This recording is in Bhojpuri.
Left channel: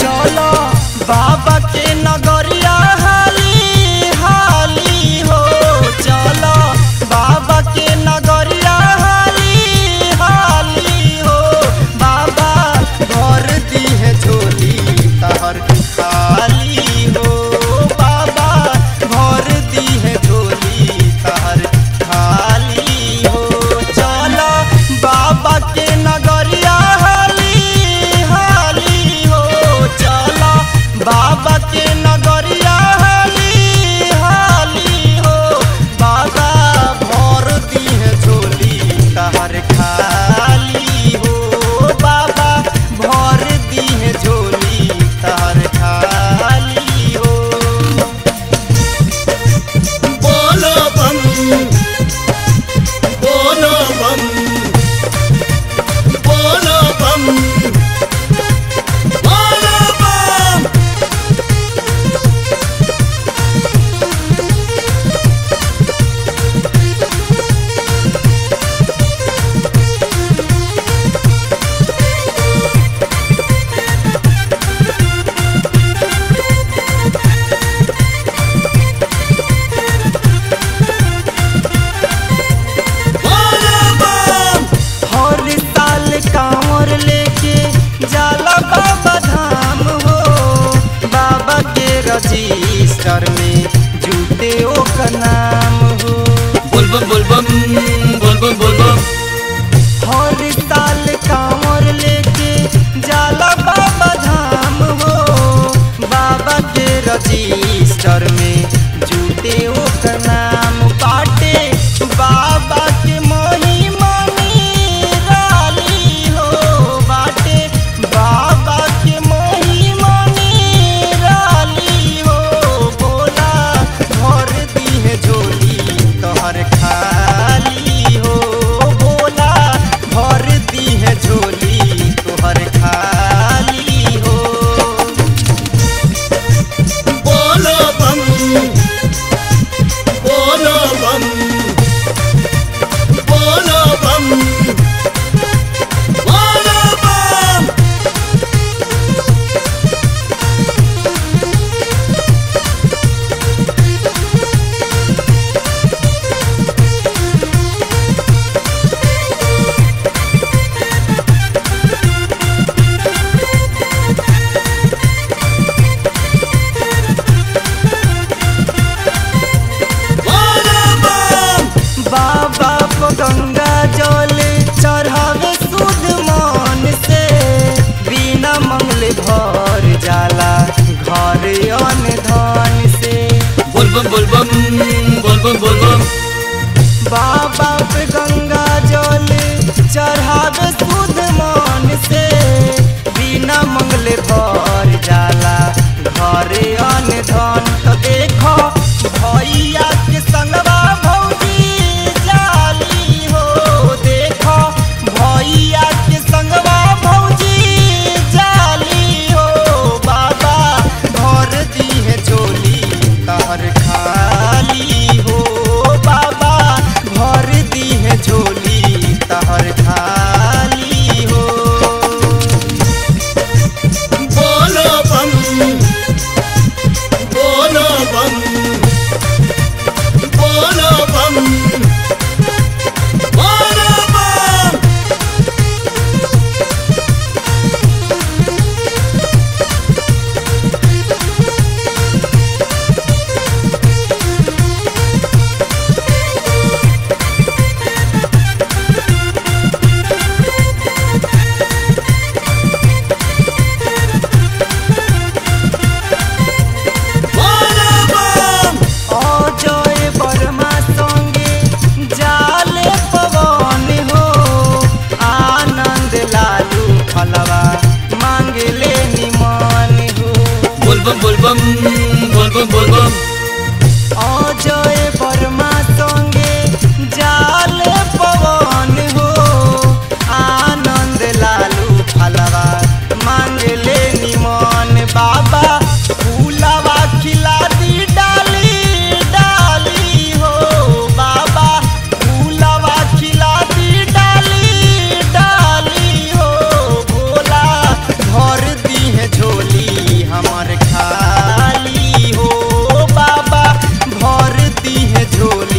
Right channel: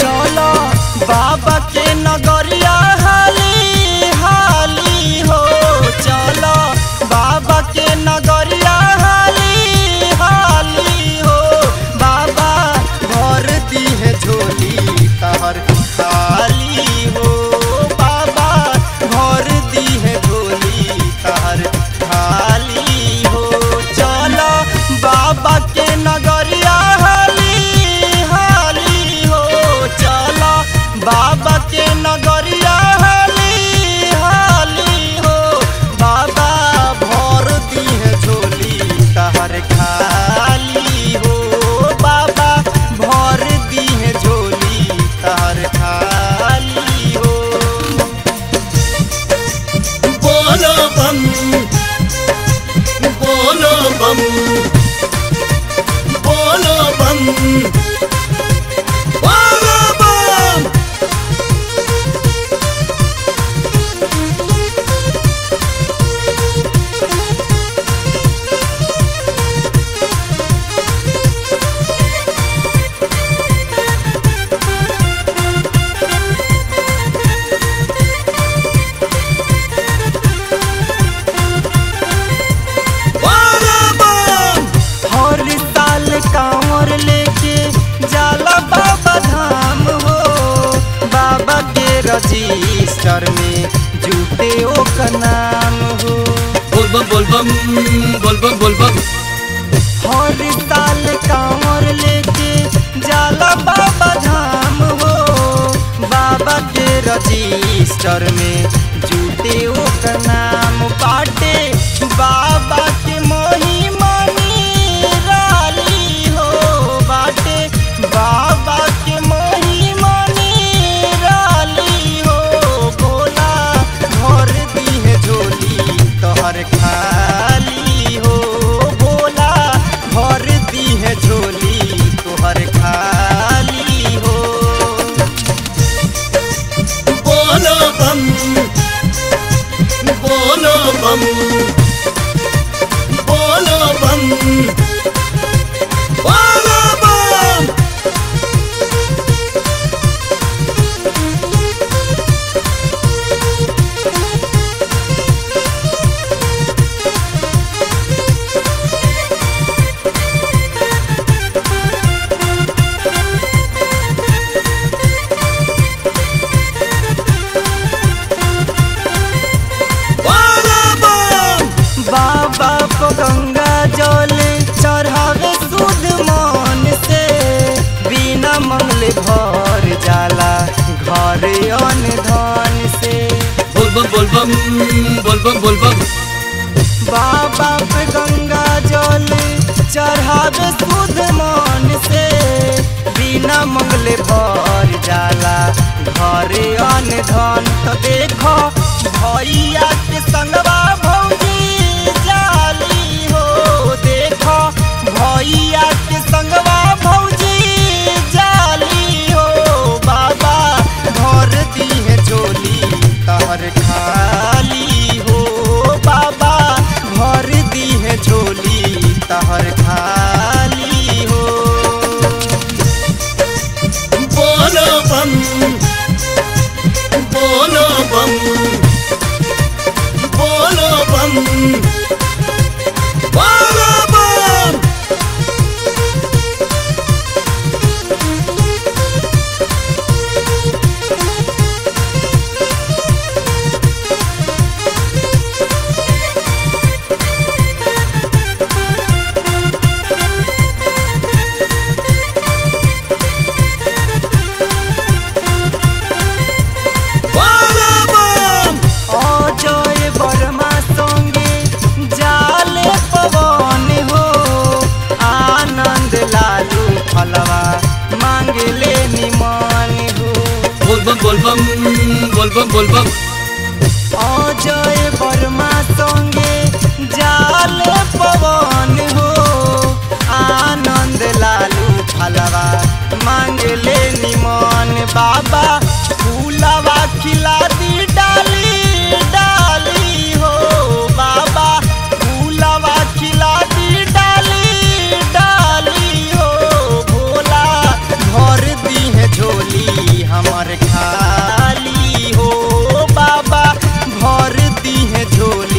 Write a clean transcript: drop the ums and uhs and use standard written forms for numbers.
चलो बाबा के नगरिया हाली हाली हो, चलो बाबा के नगरिया हाली हाली हो। बाबा भर दी है झोली तहर खाली हो, बाबा भर दी है झोली तहर खाली हो। चलो बाबा के नगरिया हाली हाली हो, चलो बाबा के नगरिया हाली हाली हो। बाबा भर दी है झोली तहर खाली हो, बाबा भर दी है झोली तहर खाली हो। बोलो बम बोलो बम बोलो बम बोलो बम। हर साल कांवर लेके जाला बाबा धाम हो, बाबा के रजिस्टर में जुटे ओकर नाम हो। बोलबम हर साल कांवर लेके जाला बाबा धाम हो, बाबा के रजिस्टर में जुटे ओकर नाम बाटे। बाबा के महिमा निराली हो बाटे, बाबा के महिमा निराली हो। बोला भर दी है झोली तोहर खाली हो, बोला भर दी है झोली तोहर खाली हो। बोलो बम बोलो बम बोलो बम बोलो बम। बाबा को गंगा जल चढ़ावे शुद्ध मन से, बिना मंगले भर जाला घर अन्न धन से। बोलबम बाबा पे गंगा जल चढ़ावे शुद्ध मन से, बिना मंगले भर जाला घर अन्न धन। तो देखो भैया के संगवा भौजी जाली हो, देखो भैया के संगवा भौजी जाली हो। बाबा भर दी है झोली तहर खाली हो, बाबा भर दी है झोली तहर खाली हो। बोलो बम बोलो बम बोलो बम बोलो बम। फलवा मांगले निमान हो। बोलबम बोलबम बोलबम बोलबम हमर खाली हो बाबा भर दी है झोली।